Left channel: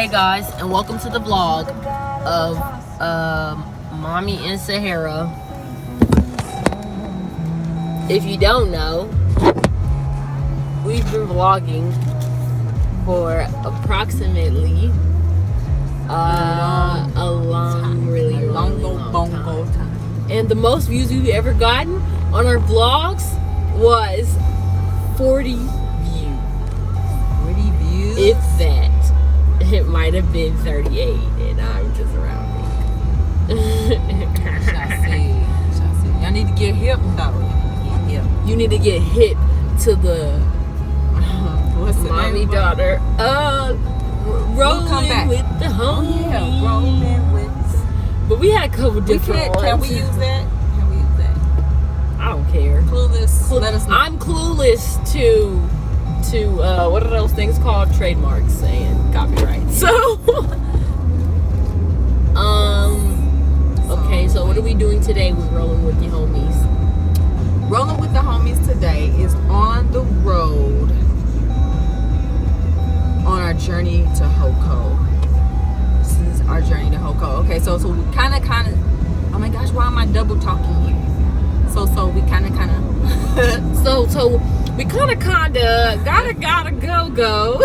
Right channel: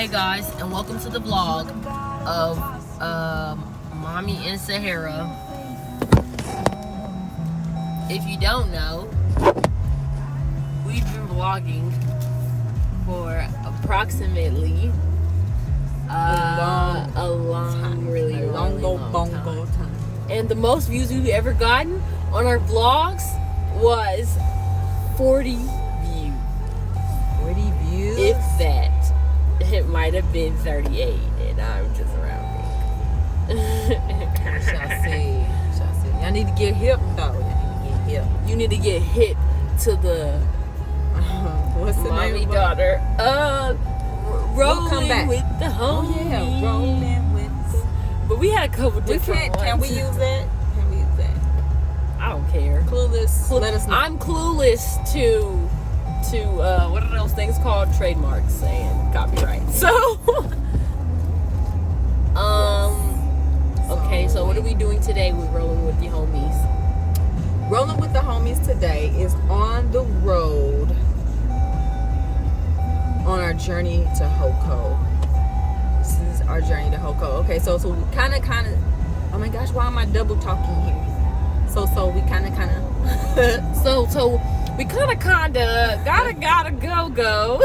Hey guys, and welcome to the vlog of Mommy in Sahara. If you don't know, we've been vlogging for approximately a long, really long time. And the most views we've ever gotten on our vlogs was 40 views. 40 views? If that. It might have been 38, and I'm just rounding. Shall see. I need to get hip though. You need to get hip to the mommy daughter. Rolling with the homies. Oh, yeah, rolling with. But we had a couple different ones. Can we use that? I don't care. Clueless. Let us know. I'm clueless to what are those things called? Trademarks and copyright. So okay, so what are we doing today with Rolling with the Homies? Rolling with the Homies today is on the road on our journey to HOCO. This is our journey to HOCO. Okay, so we kind of oh my gosh, why am I double talking here? So we kind of so we gotta go.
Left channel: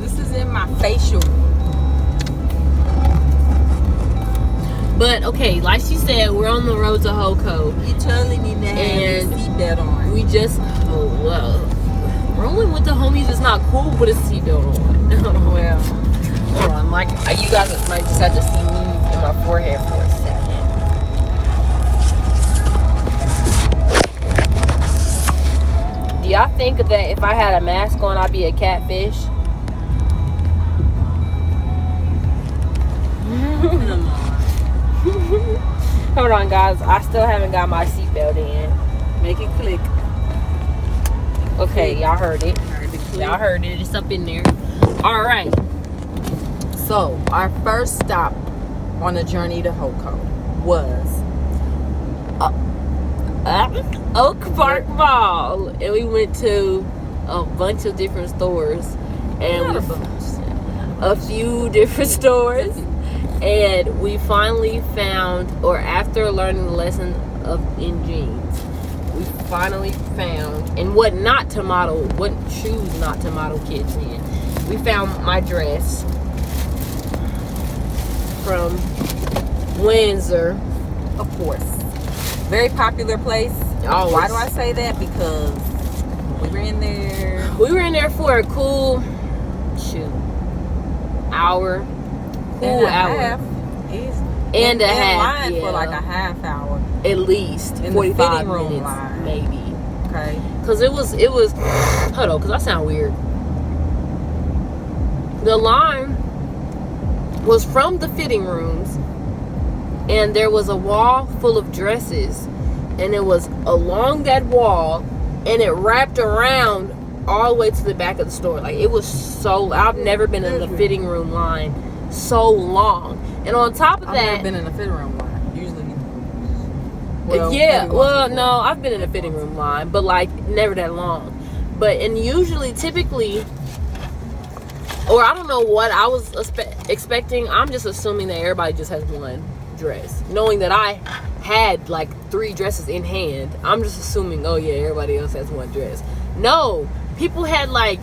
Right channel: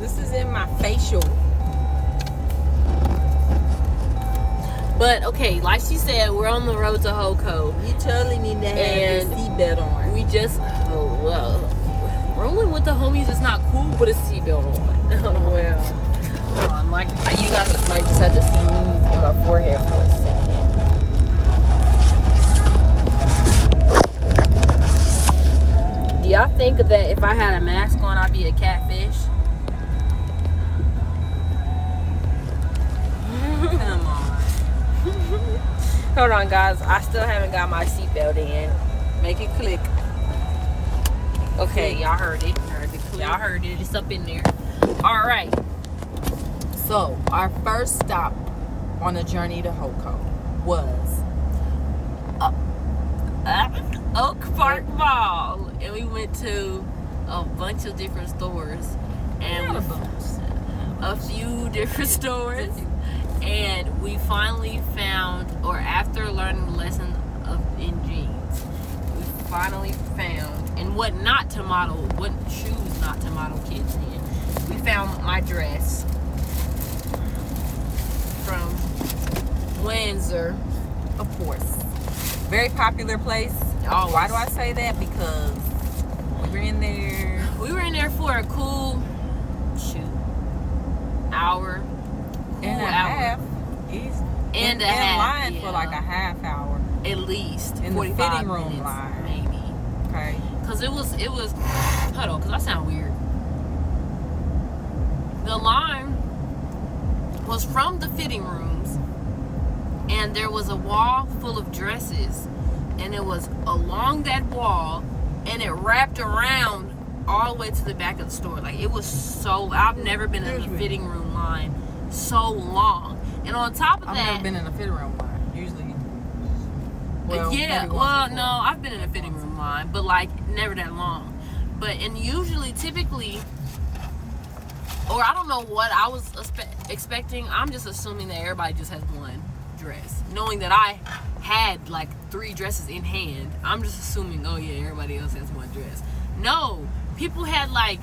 This is in my facial. But okay, like she said, we're on the road to HOCO. You totally need to have your seatbelt on. We just rolling with the homies is not cool, but it's seatbelt on. Well, hold on, like you guys might just have to see me in my forehead for a second. Do y'all think that if I had a mask on, I'd be a catfish? come on. Hold on, guys. I still haven't got my seatbelt in. Make it click. Okay, y'all heard it. Y'all heard it. It's up in there. All right. So, our first stop on the journey to HOCO was Oak Park Mall, and we went to a bunch of different stores, and a few different stores, and we finally found, or after learning the lesson in jeans, we finally found, and what shoes not to model kids in. We found my dress from Windsor, of course. Very popular place. Always. Why do I say that? Because we were in there. We were in there for a cool hour. Cool hour. And a half. Line for like a half hour. At least. In 45 the fitting room minutes, line. maybe. Okay. Because it was hold on, because I sound weird. The line was from the fitting rooms, and there was a wall full of dresses, and it was along that wall, and it wrapped around all the way to the back of the store. Like, it was I've never been in the fitting room line so long. And on top of that, I've never been in a fitting room line. Usually, no, I've been in a fitting room line, but like never that long. And usually, typically, or I don't know what I was expecting. I'm just assuming that everybody just has one dress, knowing that I had like 3 dresses in hand. I'm just assuming, oh yeah, everybody else has one dress. No, people had like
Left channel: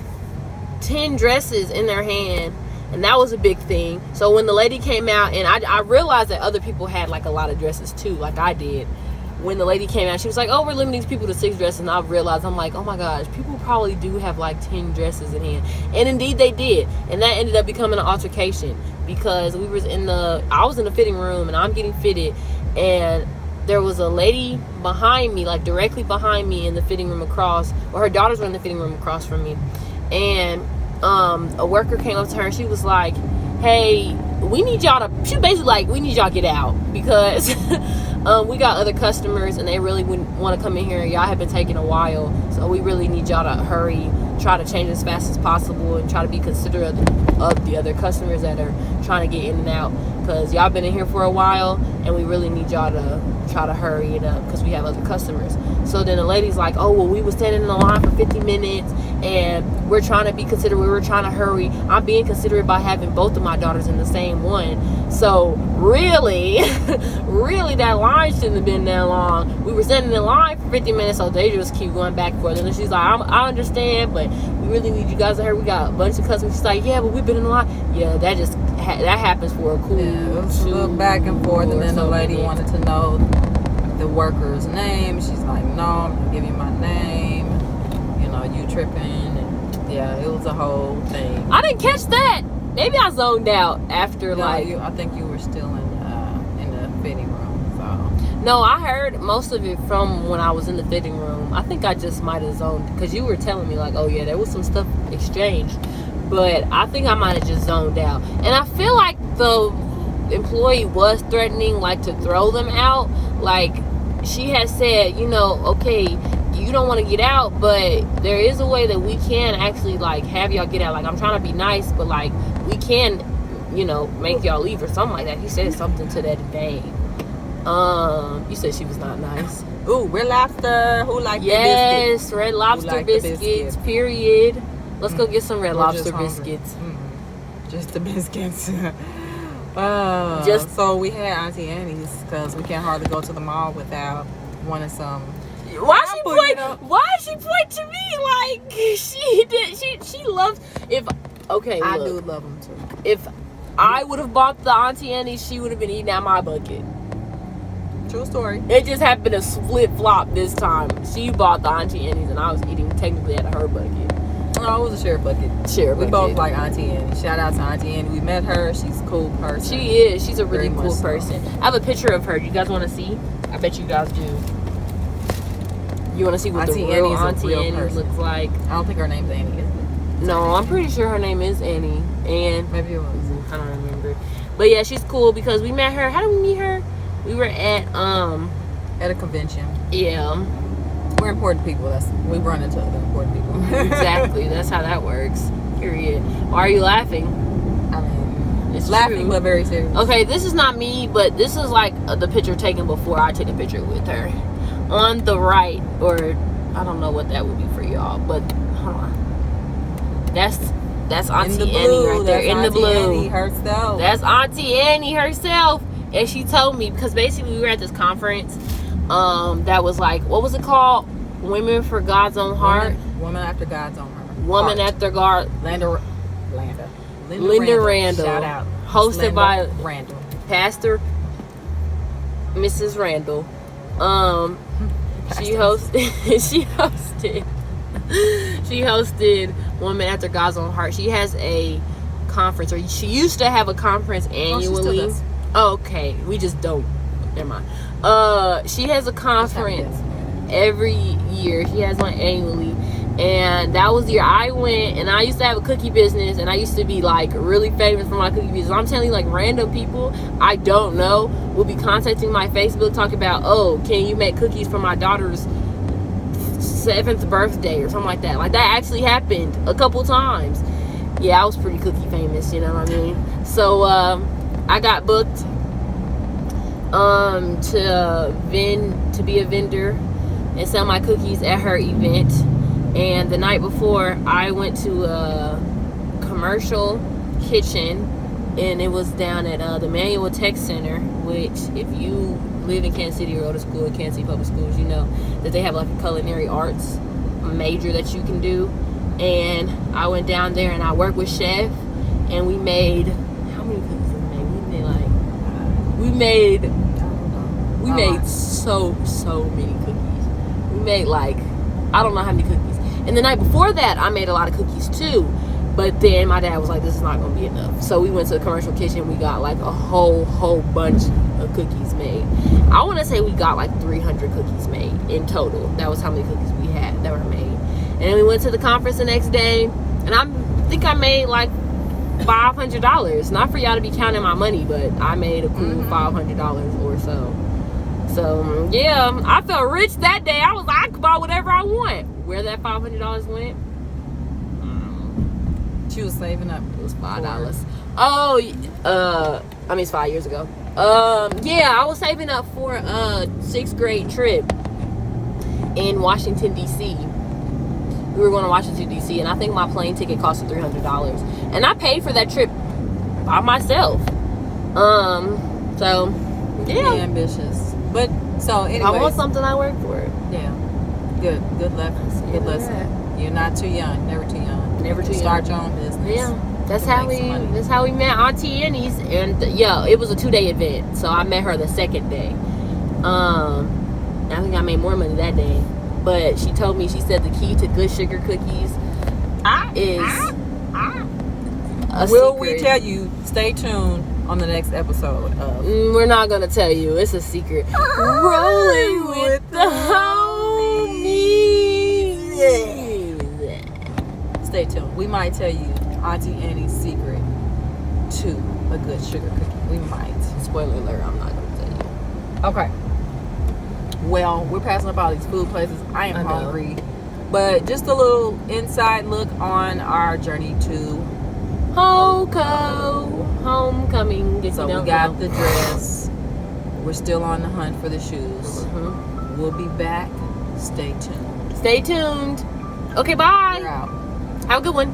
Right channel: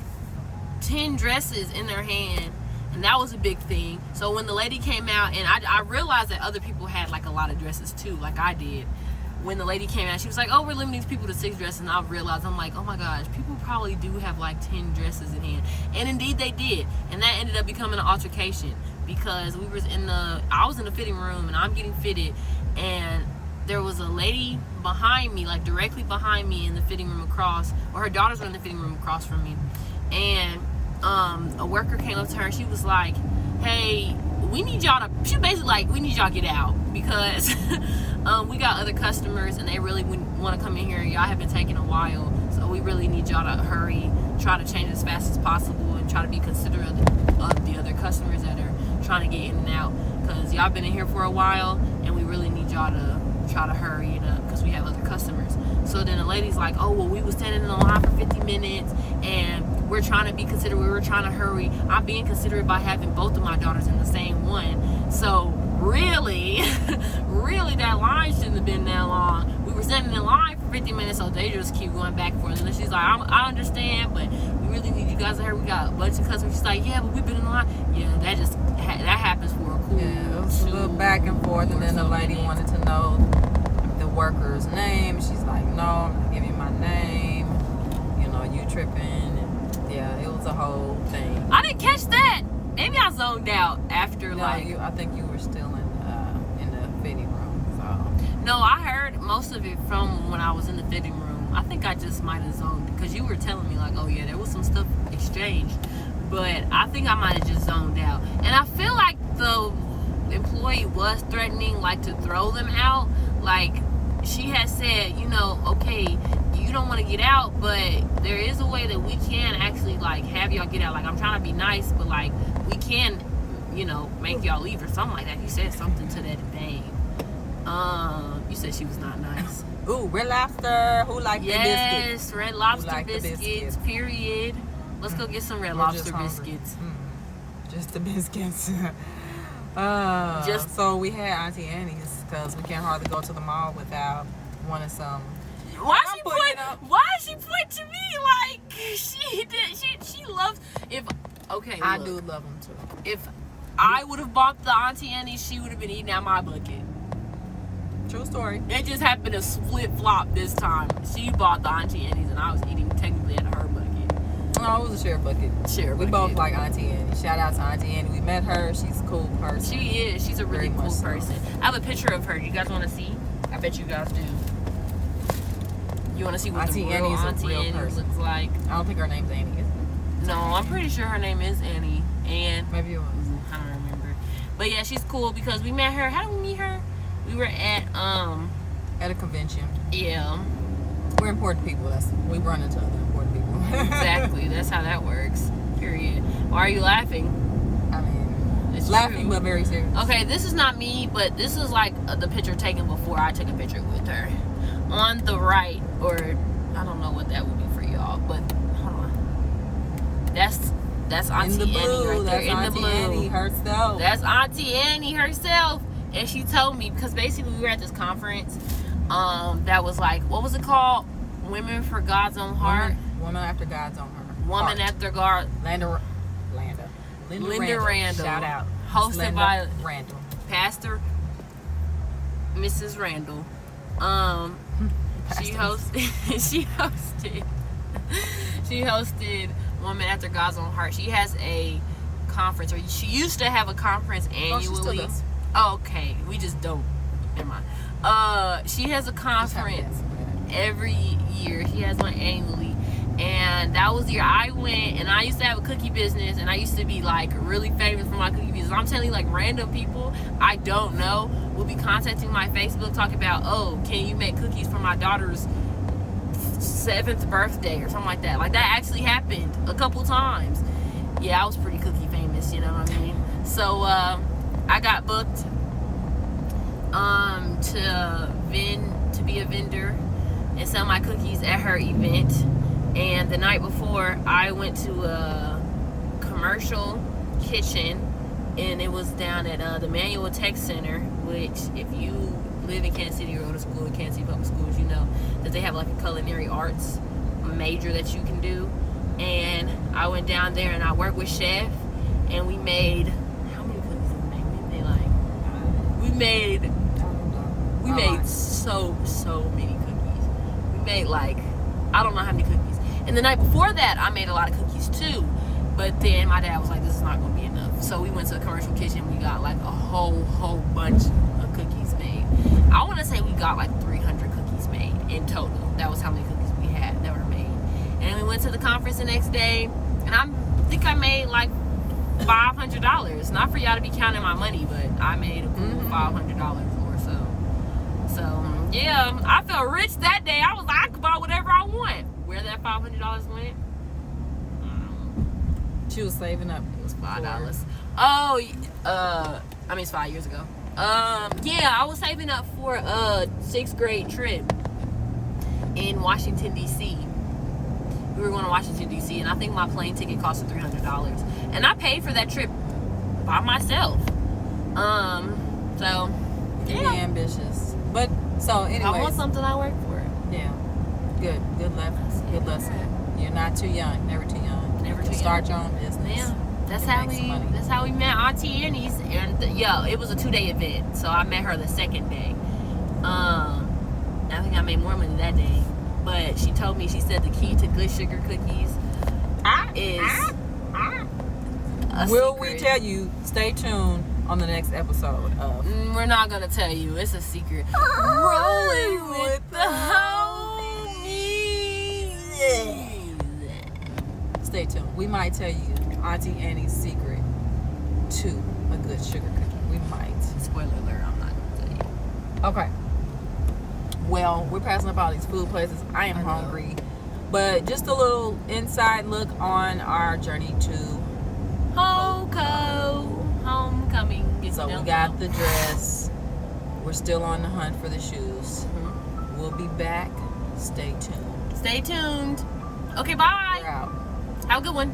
10 dresses in their hand, and that was a big thing. So when the lady came out, and I realized that other people had like a lot of dresses too, like I did. When the lady came out, she was like, oh, we're limiting these people to 6 dresses. And I realized, I'm like, oh my gosh, people probably do have like 10 dresses in hand. And indeed they did. And that ended up becoming an altercation, because I was in the fitting room, and I'm getting fitted, and there was a lady behind me, like directly behind me in the fitting room across, or her daughters were in the fitting room across from me. And a worker came up to her, and she was like, hey, we need y'all to get out, because we got other customers, and they really wouldn't want to come in here. Y'all have been taking a while So we really need y'all to hurry, try to change as fast as possible, and try to be considerate of the other customers that are trying to get in and out, because y'all been in here for a while, and we really need y'all to try to hurry it up because we have other customers. So then the lady's like, oh, well, we were standing in the line for 50 minutes and we're trying to be considerate, we were trying to hurry. I'm being considerate by having both of my daughters in the same one. So really really that line shouldn't have been that long. We were standing in line for 50 minutes, so they just keep going back and forth. And then she's like, I understand, but we really need you guys to hurry. We got a bunch of customers. She's like, yeah, but we've been in the line. Yeah, that just that happens for a cool it was a little back and forth, and then the lady wanted to know the worker's name. She's like, no, I'm gonna give you my name. You know, you tripping. And yeah, it was a whole thing. I didn't catch that. Maybe I zoned out after I think you were still in the fitting room. So no, I heard most of it from when I was in the fitting room. I think I just might have zoned because you were telling me like, oh yeah, there was some stuff exchanged, but I think I might have just zoned out. And I feel like the employee was threatening like to throw them out. Like she had said, you know, okay, you don't want to get out, but there is a way that we can actually like have y'all get out. Like I'm trying to be nice, but like we can, you know, make y'all leave or something like that. He said something to that vein. You said she was not nice. Ooh, Red Lobster. Who liked the biscuits? Yes, Red Lobster biscuits, period. Let's go get some Red Lobster biscuits. Just the biscuits. So we had Auntie Annie's because we can't hardly go to the mall without wanting some. Why she point to me like she did? She loves I do love them too. If I would have bought the Auntie Annie's, she would have been eating out my bucket. True story. It just happened to flip flop this time. She bought the Auntie Annie's and I was eating technically out of her bucket. No, it was a shared bucket. We both like Auntie Annie. Shout out to Auntie Annie. We met her. She's a cool person. She is. She's a really cool person. I have a picture of her. You guys want to see? I bet you guys do. You want to see what the real Auntie Annie looks like? I don't think her name's Annie, is it? No, I'm pretty sure her name is Annie. And maybe it was. I don't remember. But yeah, she's cool because we met her. How did we meet her? We were at a convention. Yeah. We're important people. We run into other important people. Exactly. That's how that works. Period. Why are you laughing? I mean, it's laughing, true. But very serious. Okay, this is not me, but this is like the picture taken before I took a picture with her. On the right, or I don't know what that would be for y'all, but hold on. That's Auntie Annie right there in the blue. Annie herself. That's Auntie Annie herself. And she told me, because basically we were at this conference that was like, what was it called? Women for God's Own Heart. Woman after God's Own Heart. Woman after God. Linda Randall. Shout out. Hosted by Randall. Pastor Mrs. Randall. She hosted Woman After God's Own Heart. She has a conference, or she used to have a conference annually. Okay, we just don't. Never mind. She has a conference every year. She has one annually. And that was the year I went, and I used to have a cookie business, and I used to be like really famous for my cookie business. I'm telling you, like random people I don't know will be contacting my Facebook talking about, oh, can you make cookies for my daughter's 7th birthday or something like that. Like that actually happened a couple times. Yeah, I was pretty cookie famous, you know what I mean? So I got booked to be a vendor and sell my cookies at her event. And the night before, I went to a commercial kitchen, and it was down at the Manual Tech Center, which if you live in Kansas City or go to school at Kansas City Public Schools, you know that they have like a culinary arts major that you can do. And I went down there and I worked with Chef, and we made, how many cookies did we make? We made so many cookies. We made like, I don't know how many cookies. And the night before that, I made a lot of cookies too. But then my dad was like, this is not going to be enough. So we went to the commercial kitchen. We got like a whole bunch of cookies made. I want to say we got like 300 cookies made in total. That was how many cookies we had that were made. And then we went to the conference the next day. And I think I made like $500. Not for y'all to be counting my money, but I made a cool $500 or so. So, yeah, I felt rich that day. I was like, I could buy whatever I want. where that $500 went. She was saving up. It was $5. Oh, I mean, it's 5 years ago. Yeah, I was saving up for a 6th grade trip in Washington, D.C. We were going to Washington, D.C., and I think my plane ticket cost $300. And I paid for that trip by myself. So, yeah. Be ambitious. But, so, anyway. I want something I work for. Yeah. Good lessons. Good lesson. You're not too young. Never too young. Never too young. Start your own business. Yeah. That's how we met Auntie Annie's, and yeah, it was a 2-day event. So I met her the 2nd day. I think I made more money that day. But she told me, she said the key to good sugar cookies is a Will secret. we tell you? Stay tuned on the next episode of We're not gonna tell you. It's a secret. Rolling with the homies. Stay tuned. We might tell you Auntie Annie's secret to a good sugar cookie. We might. Spoiler alert, I'm not gonna tell you. Okay. Well, we're passing up all these food places. I am hungry. But just a little inside look on our journey to HOCO Homecoming. So we got the dress. We're still on the hunt for the shoes. We'll be back. Stay tuned. Stay tuned. Okay, bye. We're out. Have a good one.